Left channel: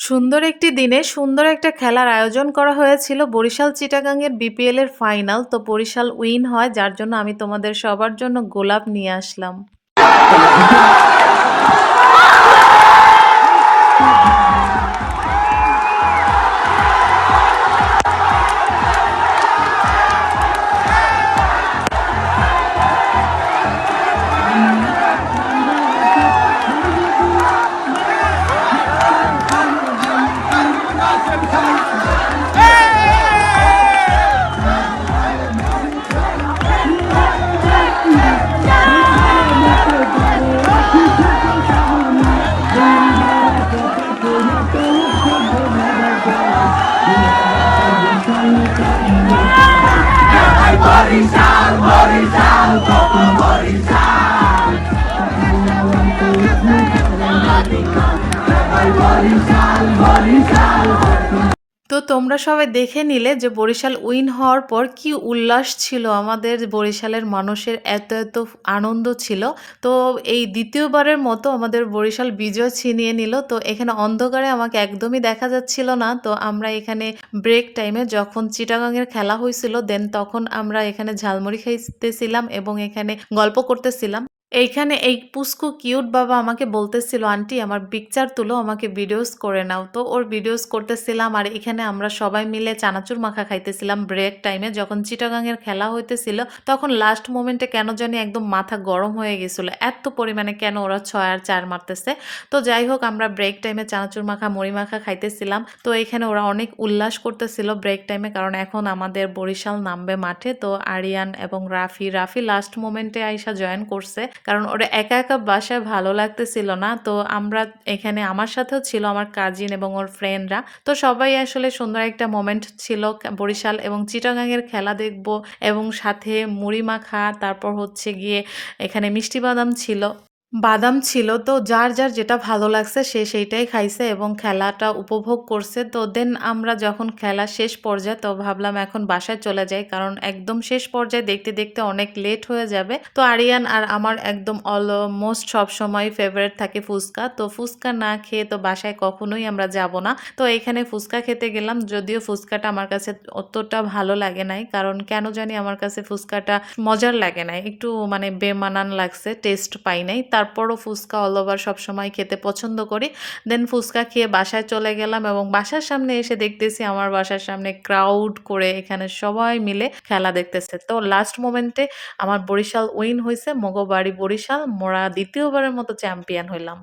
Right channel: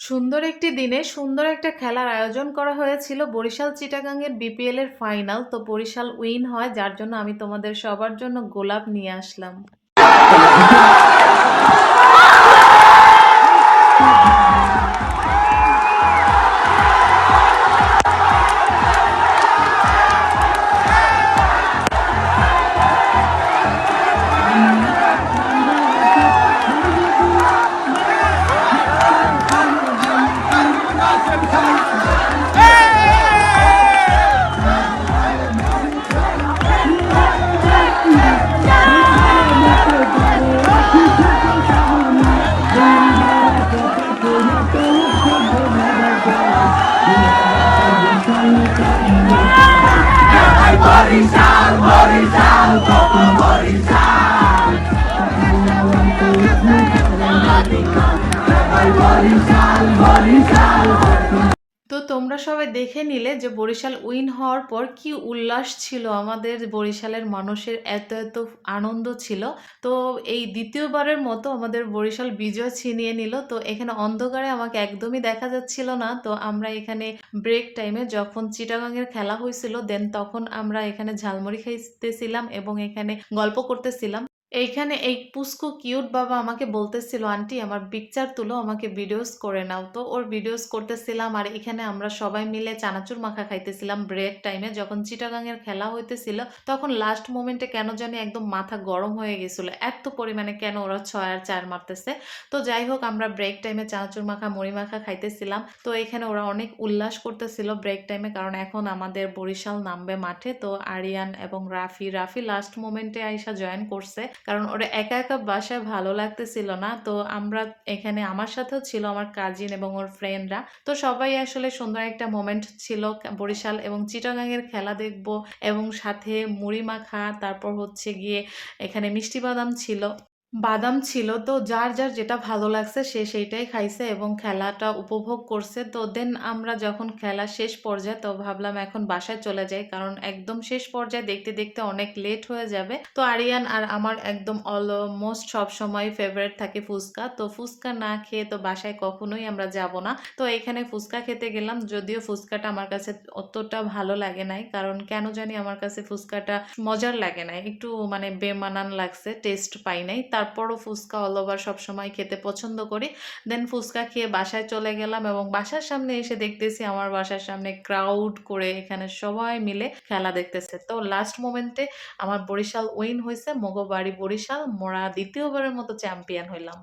সুন্দর একটি দিনে সুন্দর একটা খেলার আয়োজন করা হয়েছিল বরিশাল চিটাগাংয়ের বিপিএল এর ফাইনাল। তো বরিশাল উইন হয়, যার জন্য আমি তোমাদের সবার জন্য গোলাপ নিয়ে আসলাম। Boriçal, Boriçal, Boriçal. Boriçal, Boriçal. তো তোমরা সবাই দেখে নিলে যে বরিশাল উইন হওয়ার পর কি উল্লাস ছিল আমাদের বরিশালের মানুষের, এত এত আনন্দ ছিল। তো এই দ্বিতীয়বারের মতো আমাদের বরিশাল বিজয় ছিনিয়ে নিল। তো এখানে অন্ধকারে আমাকে একদমই দেখা যাচ্ছিল না। তো আমরা এখানে ব্রেক টাইমে যখন চিটাগাংয়ের খেলা হয়েছিল দেন তখন আমরা এখানে ঝালমুড়ি খাইতেছিলাম এবং এখানে গল্প করতেছিলাম। এইখানে এই পুস্কু কিউট বাবা আমাকে বলতেছিল, আন্টি আমার পিকচার তুলো, আমাকে ভিডিওস করে নাও। তো ওর ভিডিওস করতেছিলাম আর এখানে আমরা সবাই মিলে চানাচুর মাখা খাইতেছিলাম ব্রেক টাইমে। যখন চিটাগাংয়ের খেলা হইতেছিল তখন লাস্ট মোমেন্টে কেন জানি একদম মাথা গরম হয়ে গেছিল, এত পরিমাণে কেন ওরা 6 আর 4 মারতেছে। তো যাই হোক, আমরা ব্রেক টাইমে চানাচুর মাখা মুড়ি মাখা খাইতেছিলাম। তো এখানে ওরা অনেক উল্লাস করতেছিল ব্রেক টাইমে, কারণ এখন আমাদের বরিশাল নামবে মাঠে। তো আরিয়ান এবং রাফি রাফি লাস্ট মোমেন্টে আইসা জয়েন করছে, কারণ ওরা একা একা বাসায় ভালো লাগতেছিল না। তো আমরা এখানে, আমার সাথেও ছিল আমার কাজিন এবং ওর ফ্রেন্ডরা। তো সবাই আসলে সুন্দর একটা মোমেন্ট ছিল। বরিশাল এবং চিটাগাংয়ের খেলা দেখব এবং সাথে মুড়ি মাখা, তারপর হচ্ছে গিয়ে এখানে মিষ্টি বাদাম ছিল। বাদাম ছিল। তো যার, যার যেটা ভালো লাগছে সে সেইটাই খাইছে এবং খেলাটা উপভোগ করছে। তো দেন আমরা যখন খেলা শেষ পর্যায়ে, তো ভাবলাম এখন বাসায় চলে যাই, কারণ একদম শেষ পর্যায়ে দেখতে, দেখতে অনেক লেট হয়ে যাবে। তো আরিয়ান আর আমার একদম অলমোস্ট সবসময় ফেভারিট থাকে ফুচকা। তো ফুচকা না খেয়ে তো বাসায় কখনোই আমরা যাব না। তো এখানে ফুচকা খেতে গেলাম। যদিও ফুচকাটা আমার কাছে অতটা ভালো লাগে নাই, কারণ কেন জানি আমার কাছে ফুচকাটা মজার লাগে নাই। একটু মানে বেমানান লাগছে, টেস্ট পাই নাই। তারপরও ফুচকা অল ওভার সবসময় খেতে পছন্দ করি। দেন ফুচকা খেয়ে বাসায় চলে গেলাম এবং বাসার সামনে এসে দেখতেছি আমার বাসার সামনে ক্রাউড করে এখানে সবাই মিলে খেলা দেখতেছে। তো লাস্ট মোমেন্টে আমার বরিশাল উইন হইছে। মগো বাড়ি বরিশাল, মোরা দ্বিতীয়বারের মতো চ্যাম্পিয়ন হইলাম।